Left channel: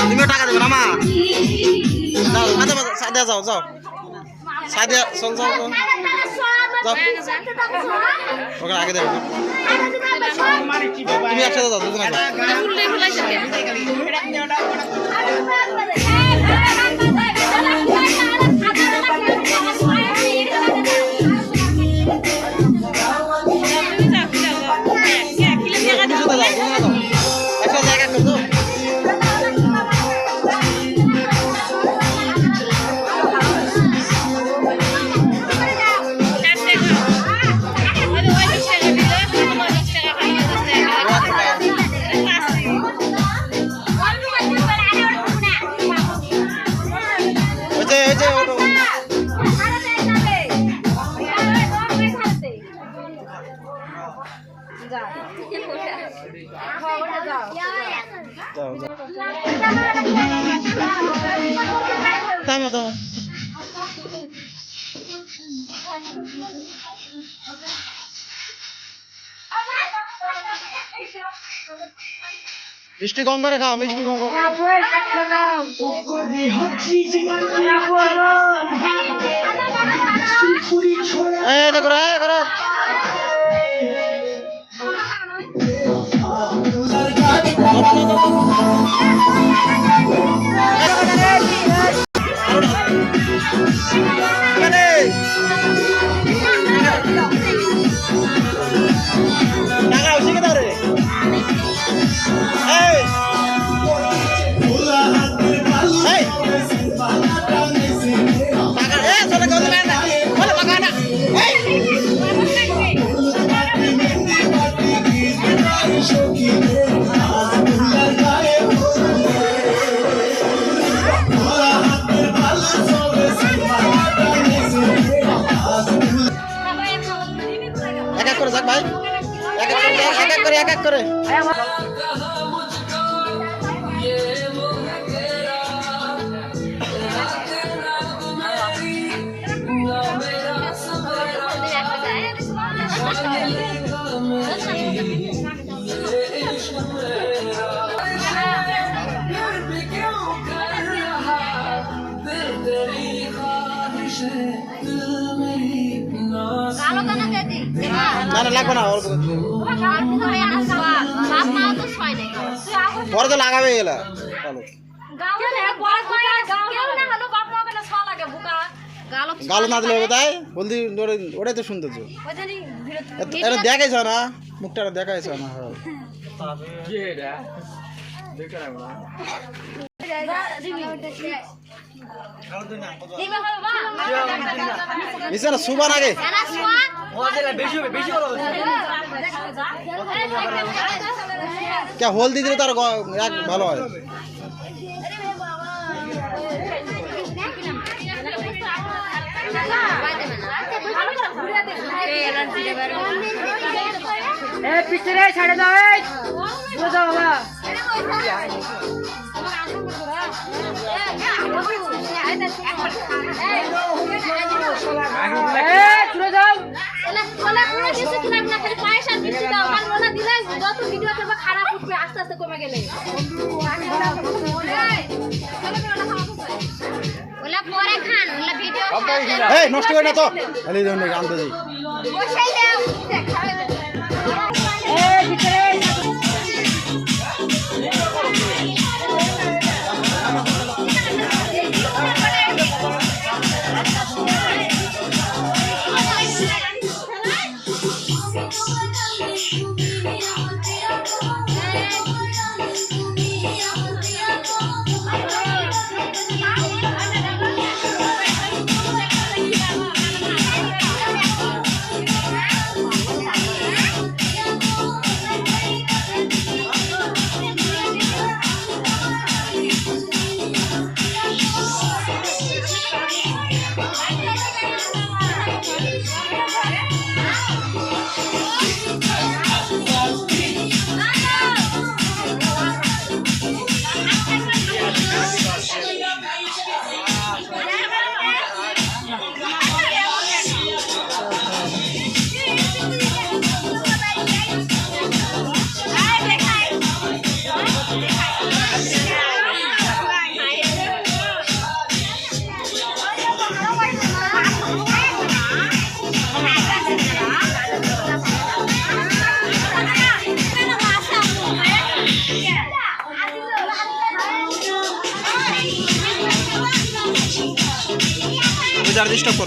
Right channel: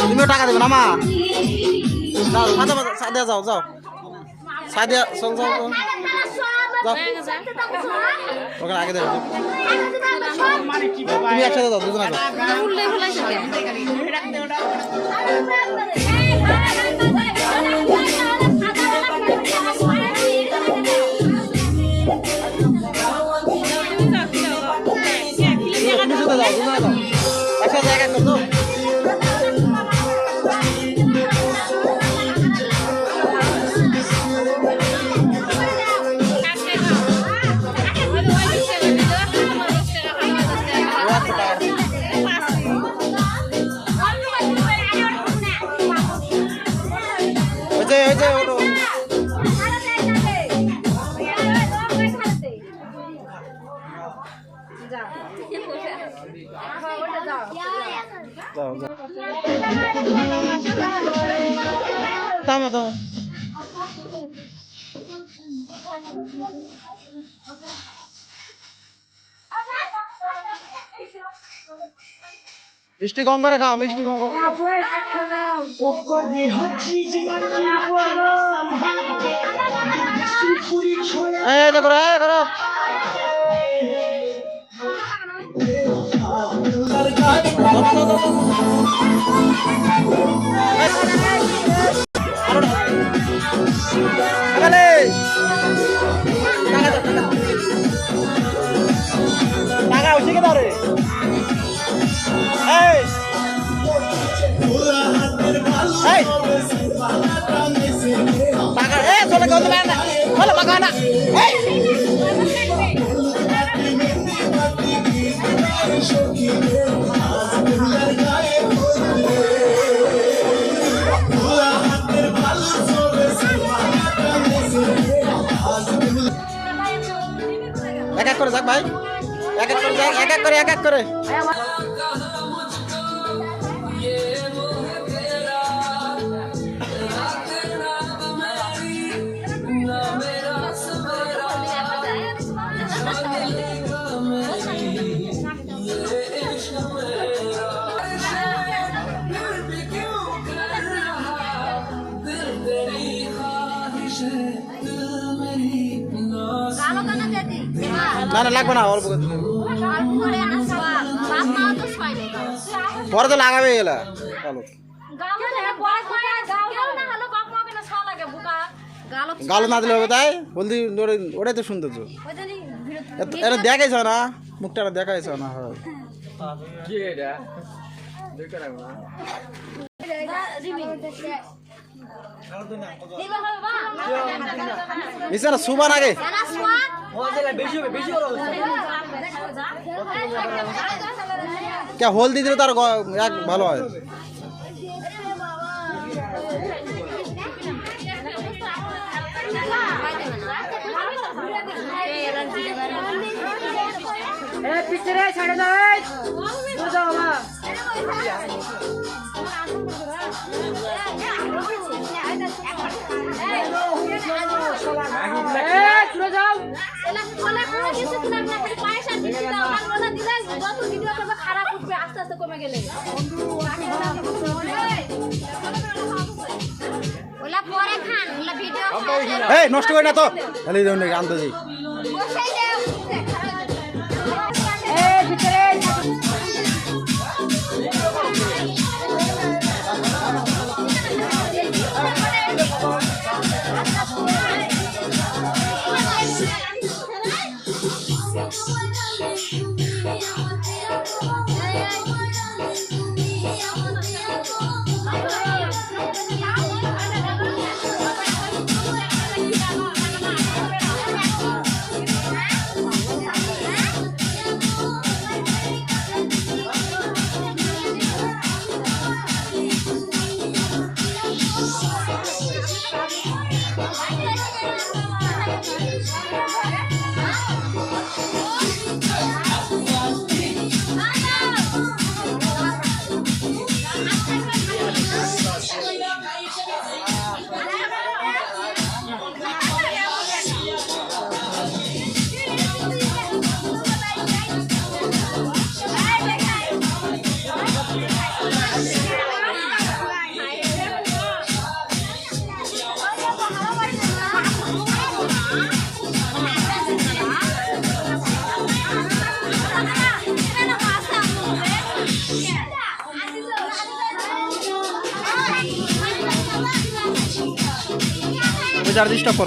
তুমিও টাকা দেবে না মা? যাও মাথা মাথা সাদিয়া যাও যাও সাদিয়া চল যাও যাও ওখানে আগে দেবে তুমি একসাথে যাও দুজন আগে একটা জায়গা করতো Tama to. মিষ্টি কম করে খাও মিষ্টি কম করে এই দেখো রে করো টাকা উঠে কে দাঁড়ে এই এই টাকা এ চলে কত না বলে টাকা না এই এক এক করে যাক ভাই এক এক করে এক এক করে এক এক করে না না লাগবে না অল্প পরে তো লাগাবে এগুলা গালো না দিলে হবে তাই হলদি ওটাই তো সুন্দর এটা দেখাইছ না মুখটা দেখাইছ না নিচে না সুবান আগে হলদি দিলে তার এক ভালো হয় পিছনে ছেড়ে দাও নষ্ট করে না তো আনতে আর ডিস্টার্ব